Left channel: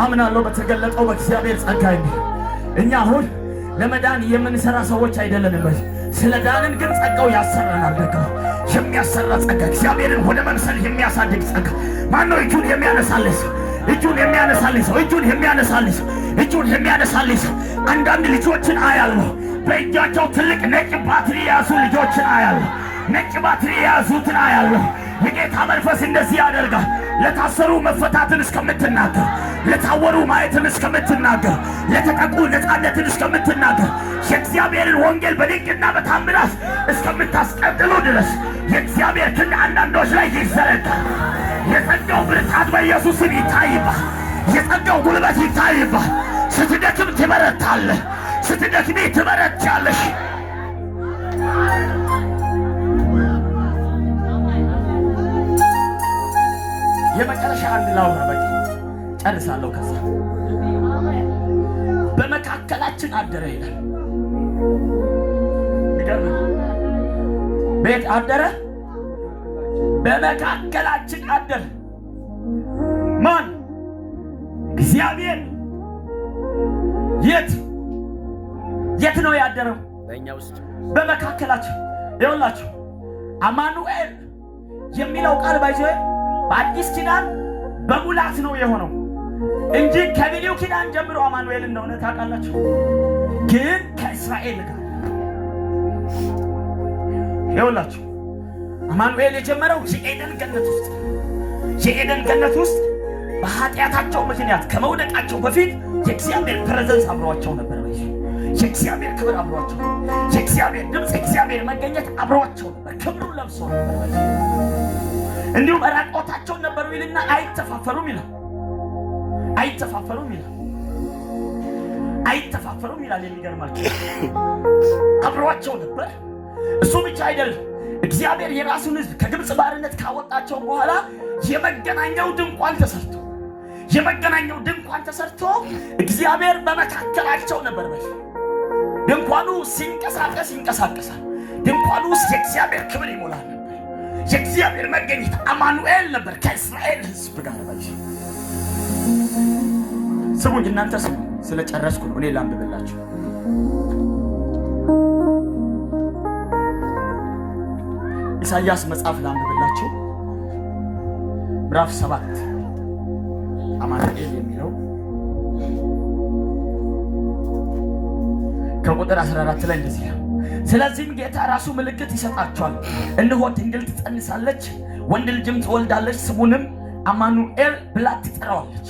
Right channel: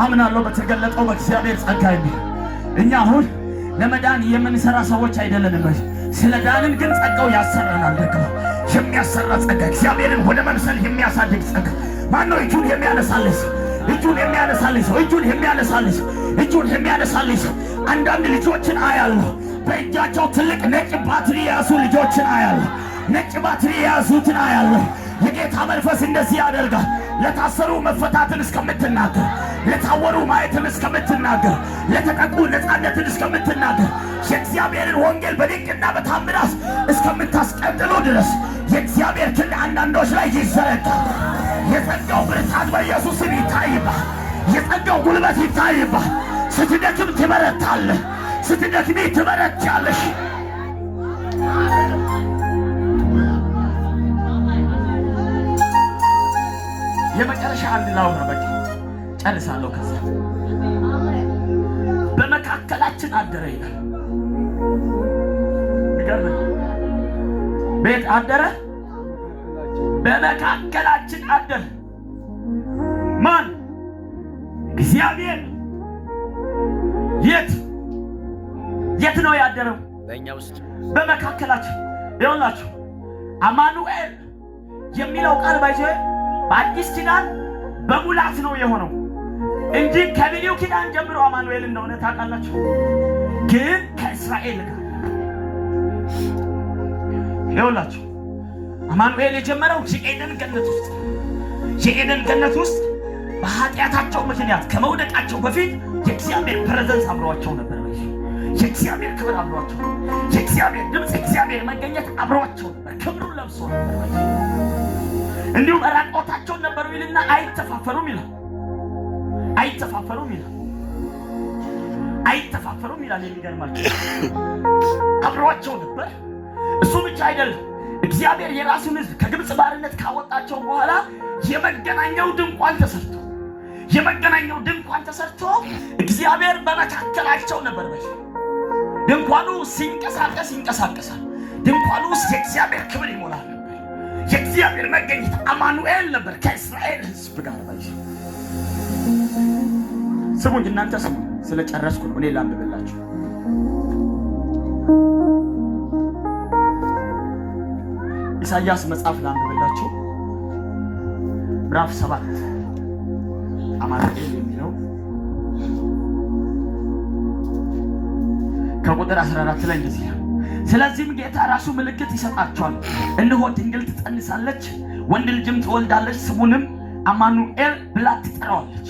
አምናለሁ በተገለጠው በእግዚአብሔር ጸጋ። እኛ አሁን ለመዳን የምንሰራ ሰዎች አይደለንም። ስለ ዳንን ግን ጸጋው ያሰራናል። ደግሞ የሚያሰራ ጸጋ፣ እግዚአብሔርን ወደ መምሰል የሚያሳድግ ጸጋ። ማነው እጁን የሚያነሳልሽ? እጁን የሚያነሳልሽ፣ እጁን የሚያነሳልሽ፣ እጁን የሚያነሳልሽ። አንዳንድ ልጆችን አያለሁ፣ በእጃቸው ትልቅ ነጭ ባትሪ የያዙ ልጆችን አያለሁ። ነጭ ባትሪ የያዙትን አያለሁ። የጌታ መንፈስ እንደዚህ ያደርጋል። ለታሰሩ መፈታትን እስከምትናገር፣ ለታወሩ ማየትን እስከምትናገር፣ ለተጠቁ ነፃነትን እስከምትናገር፣ የእግዚአብሔርን ወንጌል በድንቅና በታምራት እስከምታስቀጥሉ ድረስ የእግዚአብሔር ክንድ አንዳንዶች ላይ ይዘረጋል። የጸጋው ብርታት በኢየሱስም ይታይባል። የጸጋው ጉልበት ይታይባል። ስትደክም ትበረታለህ። ስትደክሚ ትበረታለሽ። የመጨረሻ አንድ ላውራ፣ በቃ ጨርሳለሁ። ከዛ በመካከላችን አደረ ይላል። ይገርም። ቤት አደረ፣ በመካከላችን አደረ። ማን? እግዚአብሔር። የት ነው ያደረው? በእኛ ውስጥ፣ በመካከላችን። ይኸውላችሁ አማኑኤል የሚለው ቃል ባይዘ በአዲስ ኪዳን በሙላት ነው የሆነው እንጂ ከብሉይ ኪዳን ጀምሮ አማኑኤል እንደሆነ ታውቃላችሁ። ግን ከእስራኤል ጋር ይኸውላችሁ አማኑኤል የጀመረው የኤደን ገነት ውስጥ በኃጢአታቸው ምክንያት ከመውደቃቸው በፊት የእግዚአብሔር ፕሬዘንስ አብሯቸው ነበር። የእግዚአብሔር ክብር አብሯቸው፣ የእግዚአብሔር ድምፅ፣ የእግዚአብሔር መገኘት አብሯቸው ነበር። ክብሩን ለብሶ ነበር። እንዲሁም ራቆታቸውን ነበሩ ይልና አይተፋፈሩም ይላል። አይተፋፈሩም ይላል። የሚገርማቸው አብሯቸው ነበር። እሱ ብቻ አይደለም። እግዚአብሔር የራሱን ሕዝብ ከግብፅ ባርነት ካወጣቸው በኋላ የመገናኛው ድንኳን ተሰርቶ እግዚአብሔር በመካከላቸው ነበር። ድንኳኑ ሲንቀሳቀስ ይንቀሳቀሳል። ድንኳኑ ውስጥ የእግዚአብሔር ክብር ይሞላል ነበር። የእግዚአብሔር መገኘት አማኑኤል ነበር ከእስራኤል ሕዝብ ጋር። ስሙኝ እናንተ ስሙ። ስለጨረስኩ እኔ ላንብብላችሁ። ኢሳይያስ መጽሐፍ ላንብብላችሁ ምዕራፍ 7 አማኑኤል የሚለው ከቁጥር 14 ላይ እንደዚህ ነው። ስለዚህም ጌታ ራሱ ምልክት ይሰጣቸዋል። እነሆ ድንግል ትጸንሳለች፣ ወንድ ልጅም ትወልዳለች፣ ስሙንም አማኑኤል ብላ ትጠራዋለች።